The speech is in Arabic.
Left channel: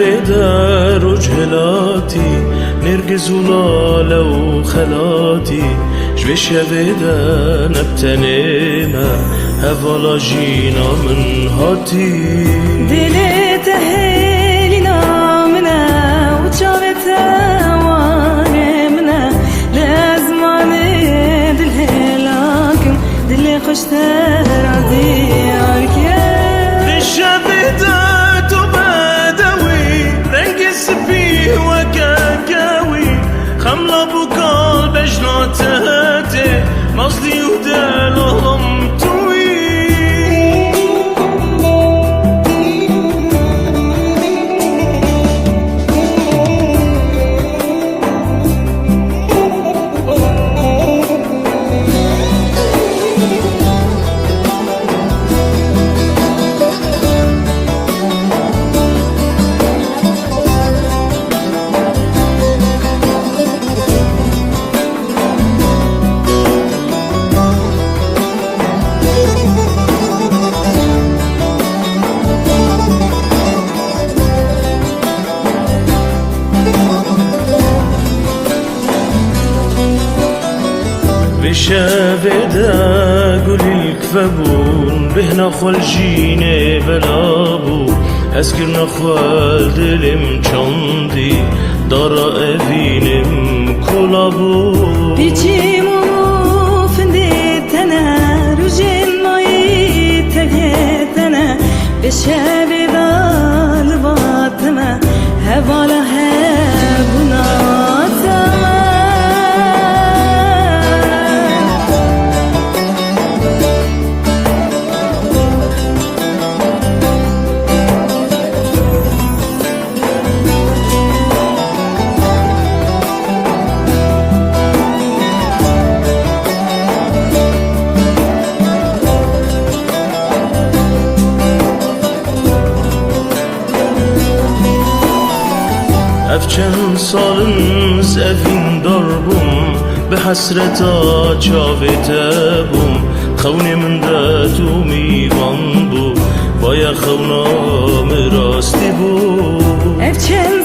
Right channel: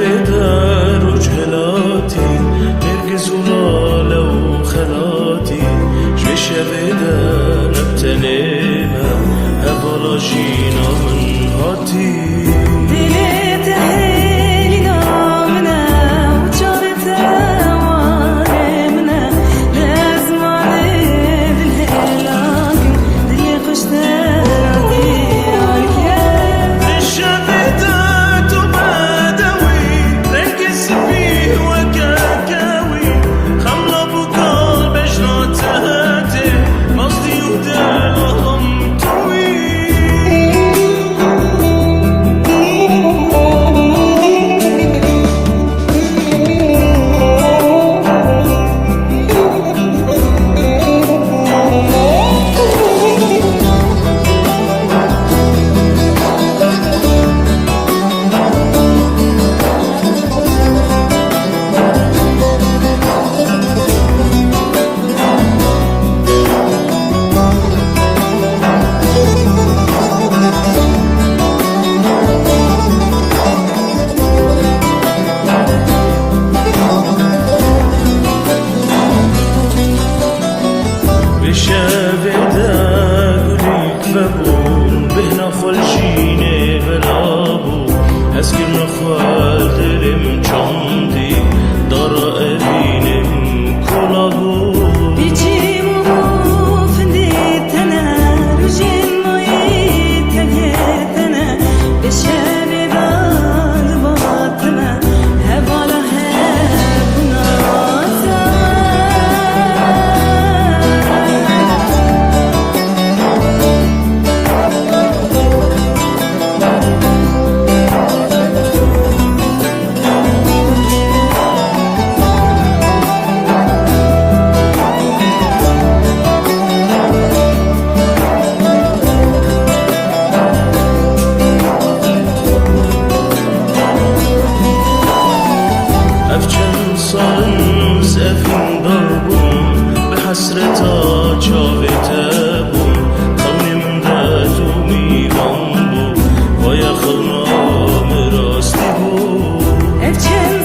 در وجهلاتي نرجز ولا لو خلاتي شوي شبدا نبتنيما هفالا جينا من هاتي دلي تهيلنا منا وجارت وانمنا لازماني دلي لكن دلي خشت راضي عليك يا الشبدا خملة بقال بجناتي مصلي ودالهم توي بشابدا قولي كفبون بهنا خلجيني بلابو هسكرنا خوال دلم چاندي دارا ابينم كلابو بيجيمو فنديتنا رجين ناي تجيتنا بشابدا لباطنا هوالا هبنا أفچن سالن زفين ضربم بحسرتا جاوتبم خوني من داتو ميوان بو بايا خونا مراستی بو أفچن